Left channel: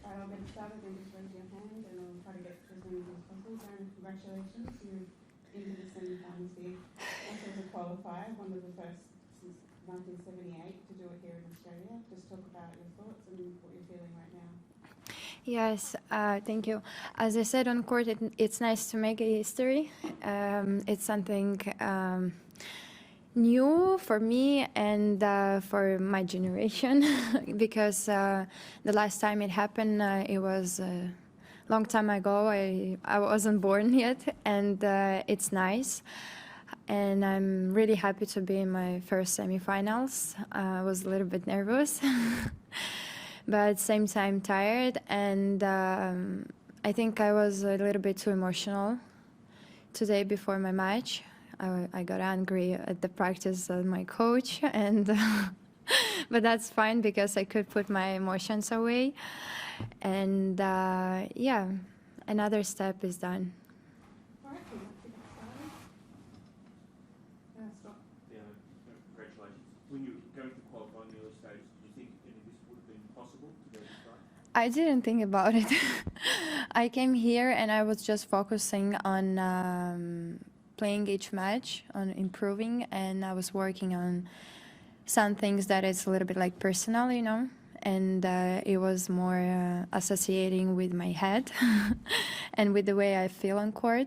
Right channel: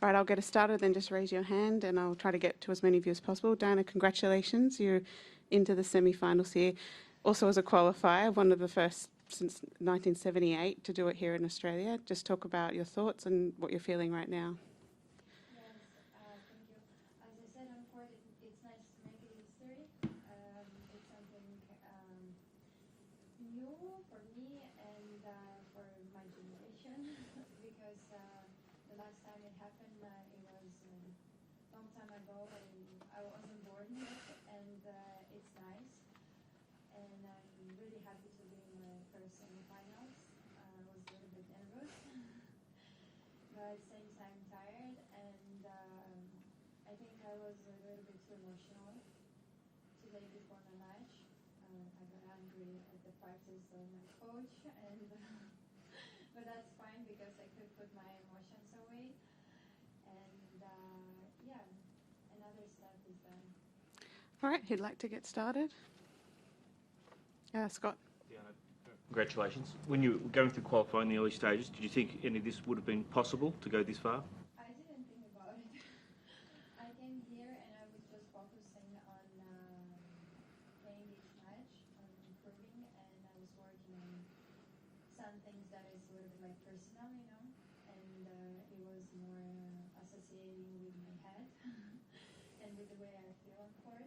Right, I'll get us started, then just raise your hand and I'll try to get to as many of you as possible. Dayana, congratulations. You're into the semi-finals here. Also as a qualifier, one of the first since 1978 to do it here in Australia. Just talk about your thoughts and what you're feeling right now. Yes, thank you. As I said on court, it's nice to make a history. It's something new for me and for my generation because the last time it happened, it was a long time ago. I wasn't born yet, and it's nice. And I'm really happy to be in my first semifinals. I was a little bit nervous, but at the same time tired. And I think I was a little bit too emotional today before my match. I got angry at the practice of my coach, and but that's fine because I could put my emotions away. And yeah, another step is done. All right, if you'd like to get started. Scott. Congratulations. When you were going through qualifying in the early stages, did you think any of this would have been possible to go this far? I didn't think about it. I came here and I was just focusing on playing each match, on improving, and I was working on some things that is a little bit like personal, you know, and it was more associating with my head and with the way I feel on court.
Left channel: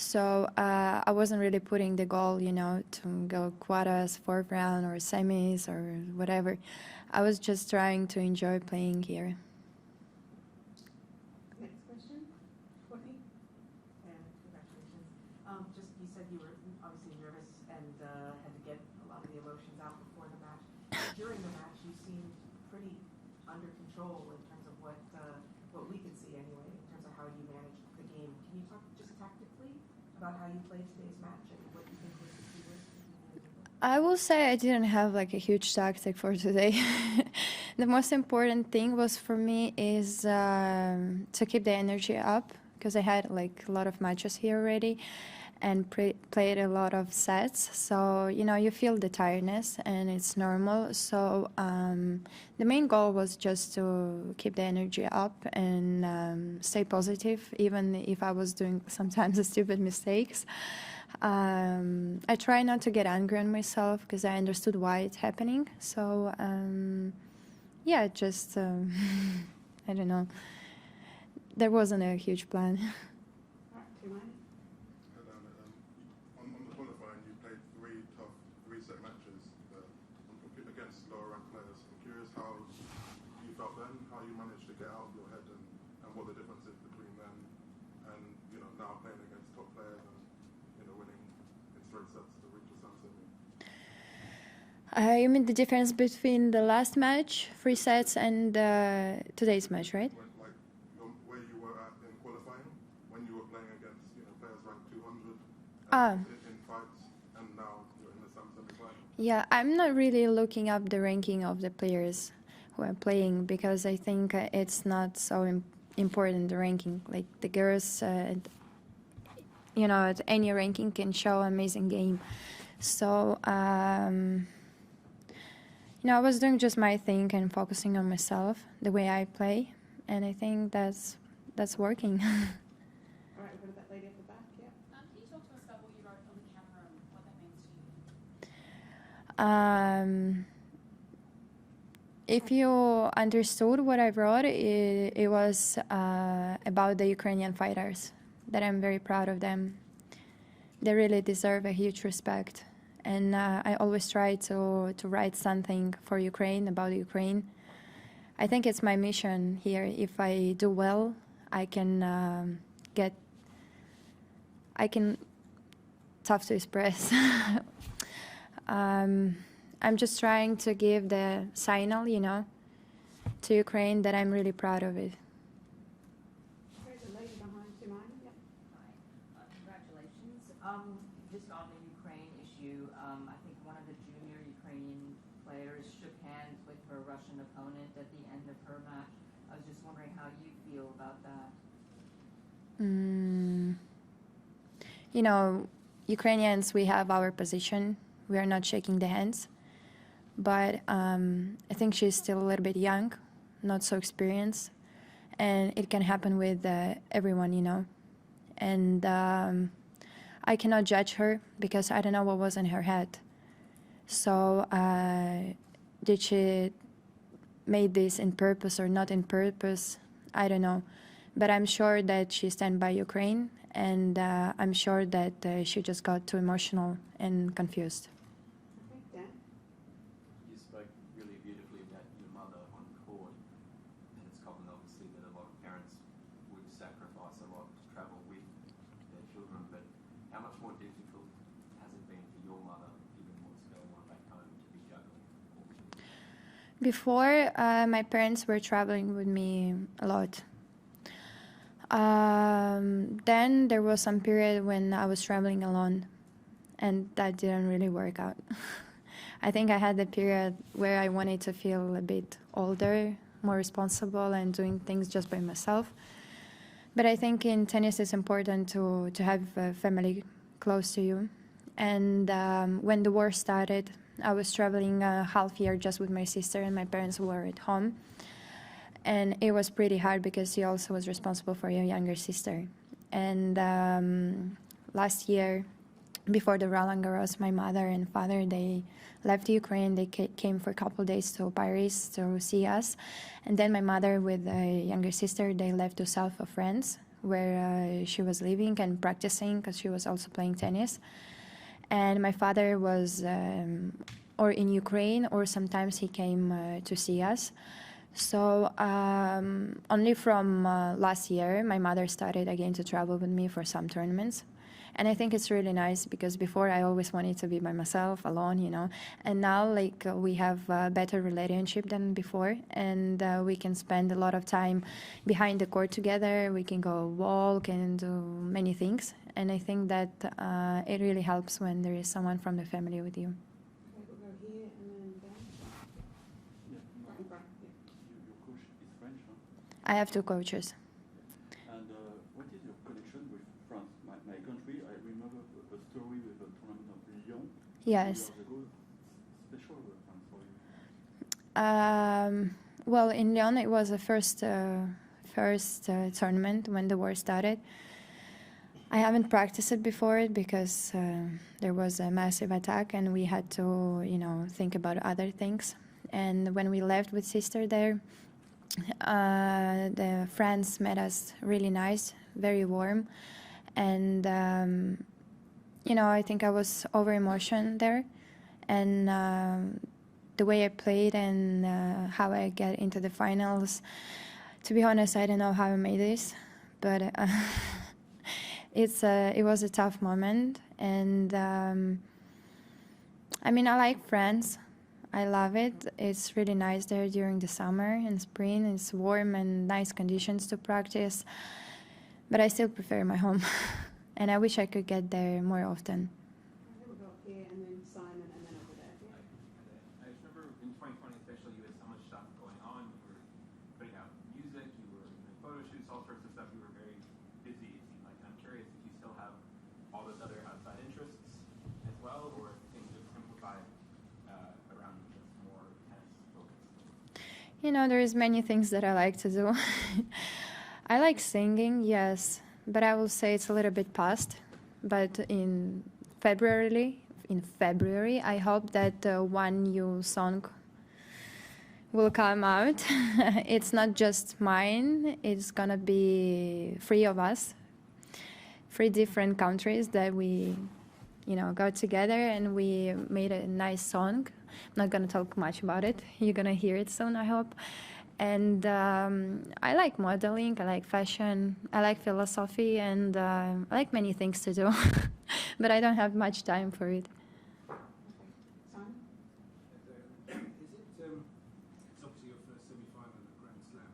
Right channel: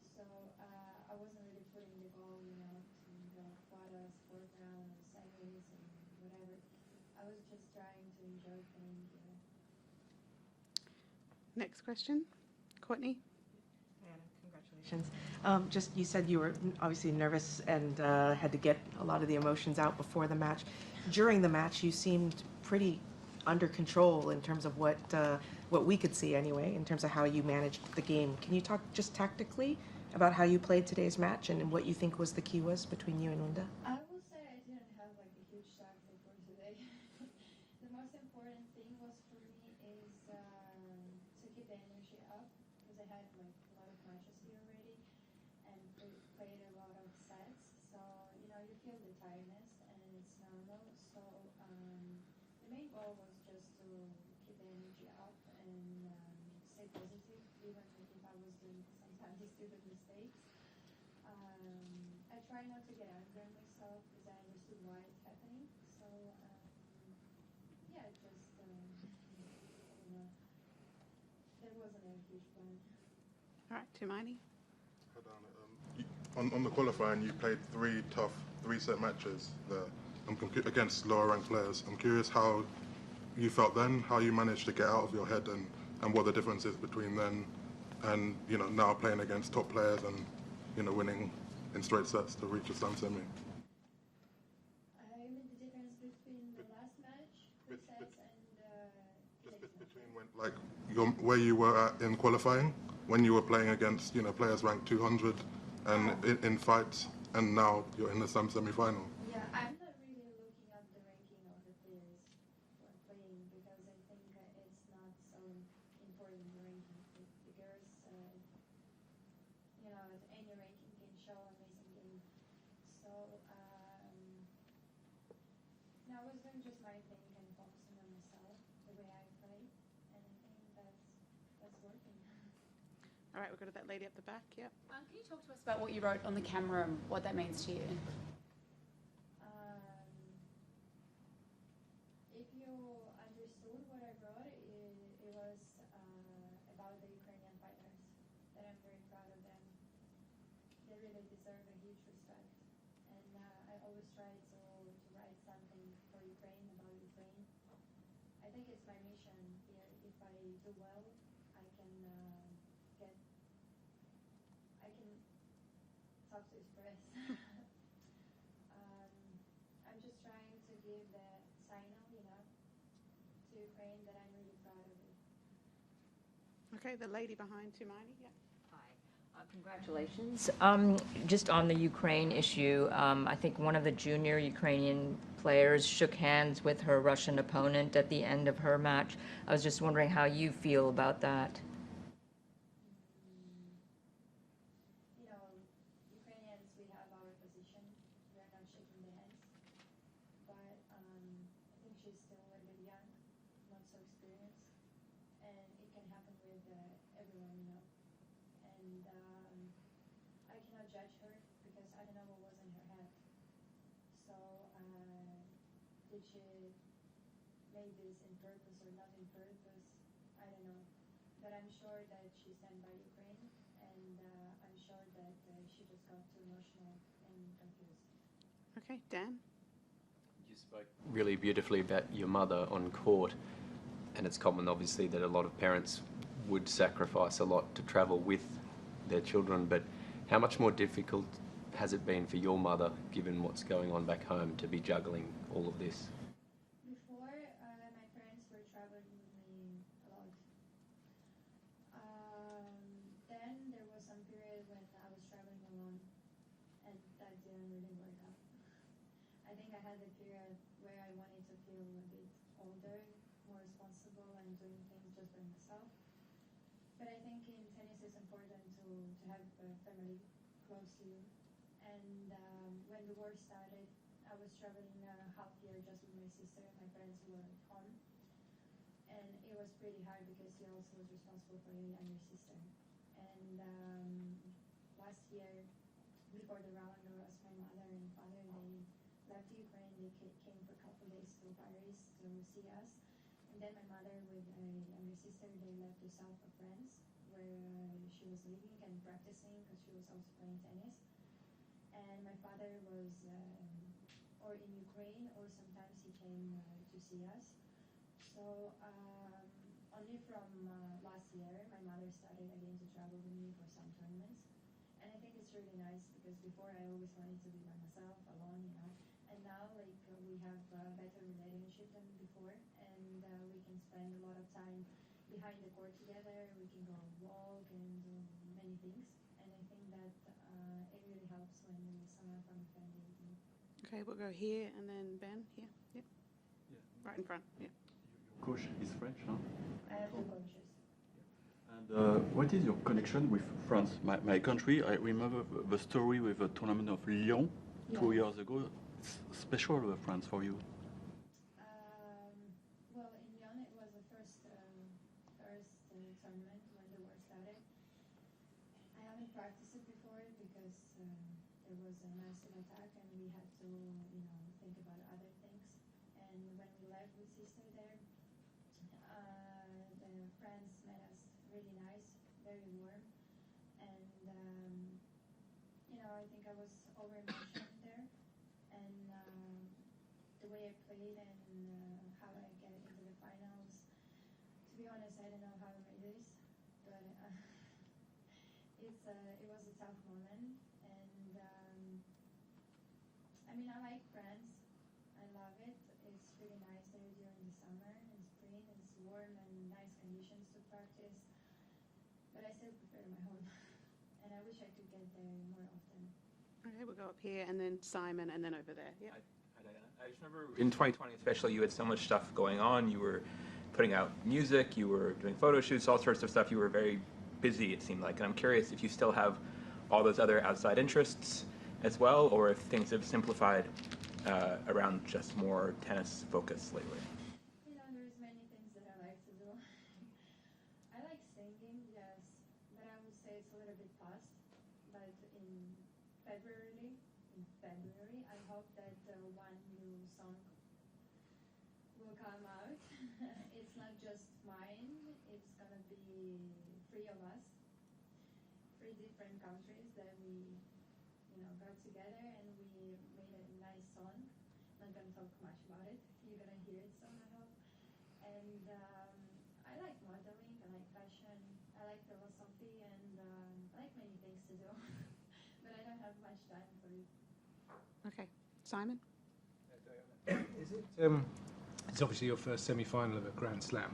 So I wasn't really putting the goal, you know, to go quarters, fourth round, or semis, or whatever. I was just trying to enjoy playing here. Next question, Courtney. Congratulations. Just you said you were obviously nervous and had to get a lot of the emotions out before the match. During the match, you seemed pretty under control in terms of what we could see anyway, in terms of how you managed the game. Can you talk just tactically about how you played today's match and what you think was the key was between you and Linda? I will say I didn't have like a huge tactic for today. The most important thing was for me is to keep the energy up, because I had like a lot of matches here already and played a lot of sets. So, you know, you feel the tiredness and it's normal. So the main goal was just to keep the energy up and stay positive, even if I was doing sometimes stupid mistakes. I try not to get angry on myself because I understood why it's happening. So, yeah, just, I don't know. There wasn't a huge plan. All right, Tumaini. On the qualifying, you played three tough three-set matches there against lower-ranked players. I'm curious how you felt then, how you managed to get out of your head, and what the difference is between then and, you know, now playing against top players and, you know, winning in straight sets to reach a slam semi. You mean the difference between the last match, 3 sets, and today's match, right? Like where you were at in qualifying, when you were playing against, you know, players ranked 200 and in fights, and now you're in the slam semi-final. Yeah, I'm not really looking up the ranking of the players who are playing, because I think it's not so important, the ranking. Like the girls, you know, at any ranking can show amazing game. So, you know, I was doing just my thing and focusing on myself, the way I play, and I think that's working. All right, we've got that lady up the back, yeah. Can you talk to us about what you wrote on the camera and what that means to you? If you understood what I wrote, it was about the Ukrainian fighters, that I'm very proud of them. They really deserve a huge respect. And I always try to write something for Ukraine, about Ukraine. I think it's my mission here. If I do well, I can tough to express. I'm just trying to give the signal, you know, to Ukraine that I'm really proud of it. Okay, the lady behind Tumaini, yeah. Hi, congratulations. Just on the Ukraine issue, I think one of the junior Ukrainian players shook hands with her Russian opponent at the end of her match. I was just wondering how you feel about that. You know, Ukrainians, we have our position. We are not shaking the hands. But I think she's still a little bit young, not so experienced. and it can happen with everyone, you know. And I cannot judge her because I don't know what was in her head. So did she made this in purpose or not in purpose? I don't know. But I'm sure that she stand by Ukraine, and I'm sure that she just got too emotional and confused. Okay, Dan? You spoke really beautifully about your mother on court, and it's common, obviously, that a lot of parents would sacrifice a lot to travel with their children, but how much more difficult has it been for your mother, given what's going on back home, to be juggling all of this? Before, my parents were traveling with me a lot. Then there was some period when I was traveling alone, and that didn't really work out. I think I had the period where I wanted to feel a bit older, more responsible, and doing things just by myself. But I think in tennis it's important to have a family close to you. And when the war started, I was traveling a half year just with my sister, and my parents were at home. And it was pretty hard because he also was responsible for your younger sister. And last year, before the Roland Garros, my mother and father, they left Ukraine. They came for a couple of days to Paris to see us. And then my mother with a younger sister, they left to south of France, where she was living and practicing because she was also playing tennis. And my father was or in Ukraine, or sometimes he came to see us. So only from last year, my mother started again to travel with me for some tournaments. And I think it's really nice because before I always wanted to be by myself, alone, you know. And now, like, we have a better relationship than before. And we can spend a lot of time behind the court together. We can go walk and do many things. And I think that it really helps when there is someone from the family with you. Okay, we'll go here and then Ben. Yep. Right in front. Yep. Coach is French, huh? I have two coaches. And what is your connection with France? My country, I remember the story with the tournament of Lyon 2 Yes. years ago. It's special, France, for you. Well, in Lyon, it was the first tournament when the war started. I haven't practiced it before because there was a massive attack and we had to, you know, think about other things. And when we left with sister there, the France met us really nice, very warm. And, you know, I think I was over emotion there. And the way I played and how I get into the finals, to be honest, I don't know how I made this, but it was a tough moment. And I mean, I like France. I love it. It's really nice there during the summer and spring. It's warm and nice conditions to practice. But I still prefer my home. And I wish I could get there more often. Okay, we'll go up here and then Simon and then over there. Yep. I just remember in 2020 especially, you had so much stuff going on. You were putting out music, you were doing photo shoots, all sorts of stuff. You were very busy, it seemed like. And I'm curious if you still have all those other outside interests as well, or if things have simplified around just more tennis focus lately. You know, there's many things that I like to do. I like singing, yes, but I will say it's a little bit past. But in February, I hope that one new song will come out. It's not just mine. It's gonna be 3 of us, 3 different countries that we, you know, got together and we made a nice song. I'm not gonna talk much about it. You're gonna hear it soon, I hope. And I like modeling, I like fashion, I like philosophy, and I like many things to do, but I don't have much time for it. Okay, Simon? It's obviously your first semi-final of a Grand Slam.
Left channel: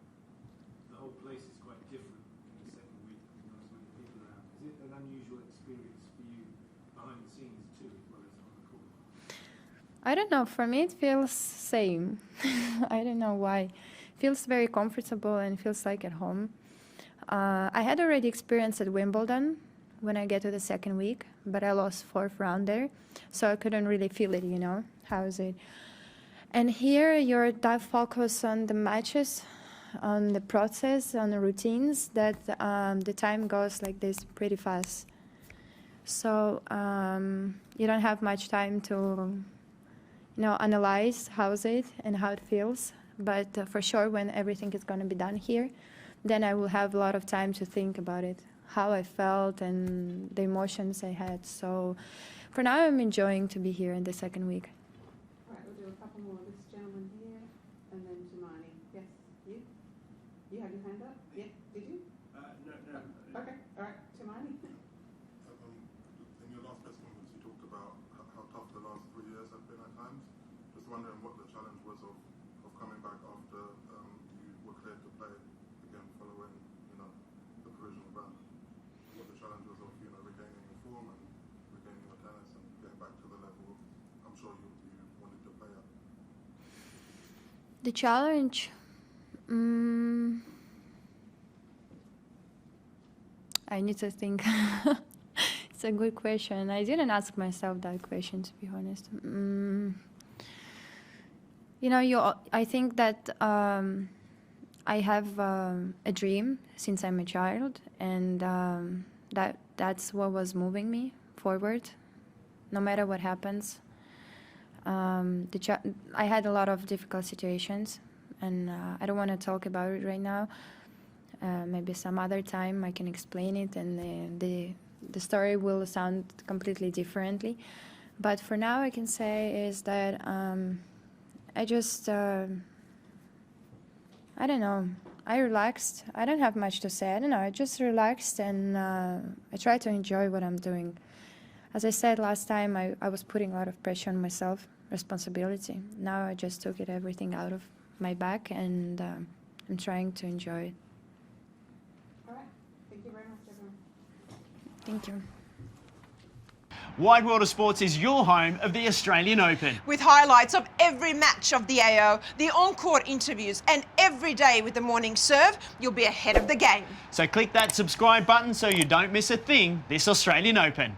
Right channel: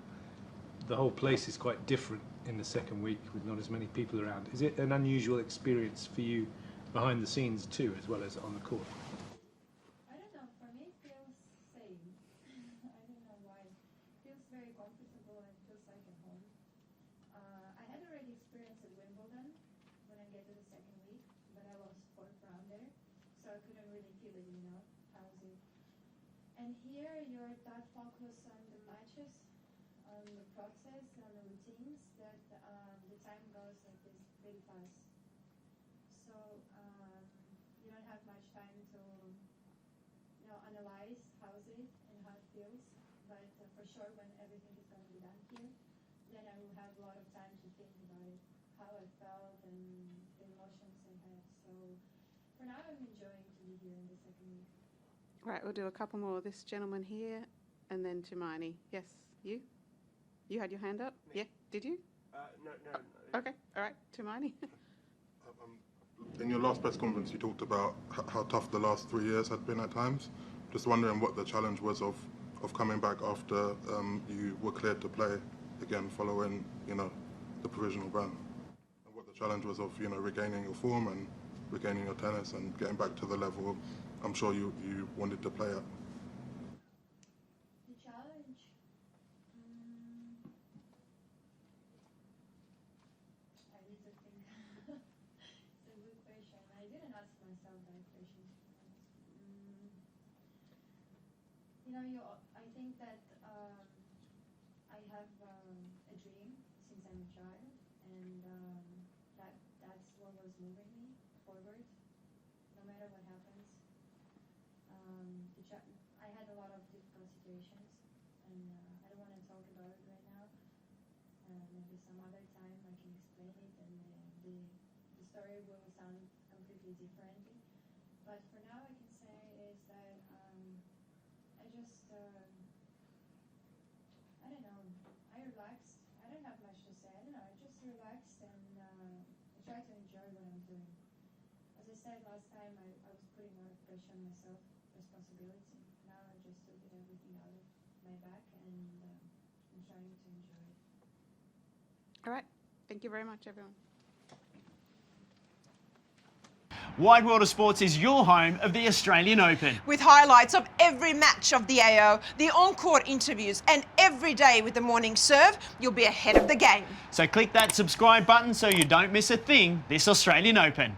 The whole place is quite different in the second week with not as many people around. Is it an unusual experience for you behind the scenes too, as well as on the court? I don't know, for me it feels same. I don't know why. Feels very comfortable and feels like at home. I had already experienced at Wimbledon when I get to the second week, but I lost 4th round there, so I couldn't really feel it, you know, how is it. And here you're that focused on the matches, on the process, on the routines, that the time goes like this pretty fast. So you don't have much time to, analyze how's it and how it feels. But for sure, when everything is going to be done here, then I will have a lot of time to think about it, how I felt and the emotions I had. So for now, I'm enjoying to be here in the second week. Right, we'll do a couple more. This gentleman here, and then Tumani. Yes, you? You had your hand up? Yeah, did you? No. Okay, all right, Tumani. In your last press conference, you talked about how tough the last 3 years had been at times. Just wondering what the challenge was of coming back after you were cleared to play again following, the provisional ban. What the challenge was of, regaining your form and regaining your tennis and getting back to the level I'm sure you wanted to play at. The challenge? I need to think. It's a good question. I didn't ask myself that question, to be honest. I think that I have a dream since I'm a child, and that's what was moving me forward, no matter what happens. I had a lot of difficult situations, and I don't want to talk about it right now. Maybe some other time I can explain it, and the story will sound completely differently. But for now, I can say is that I just, I don't know, I relaxed. I don't have much to say. I don't know, I just relaxed, and I try to enjoy what I'm doing. As I said last time, I was putting a lot of pressure on myself, responsibility. Now I just took everything out of my back, and I'm trying to enjoy it. All right, thank you very much, everyone. Thank you. Wide World of Sports is your home of the Australian Open. With highlights of every match of the AO, the on-court interviews, and every day with the morning serve, you'll be ahead of the game. So click that subscribe button so you don't miss a thing this Australian Open.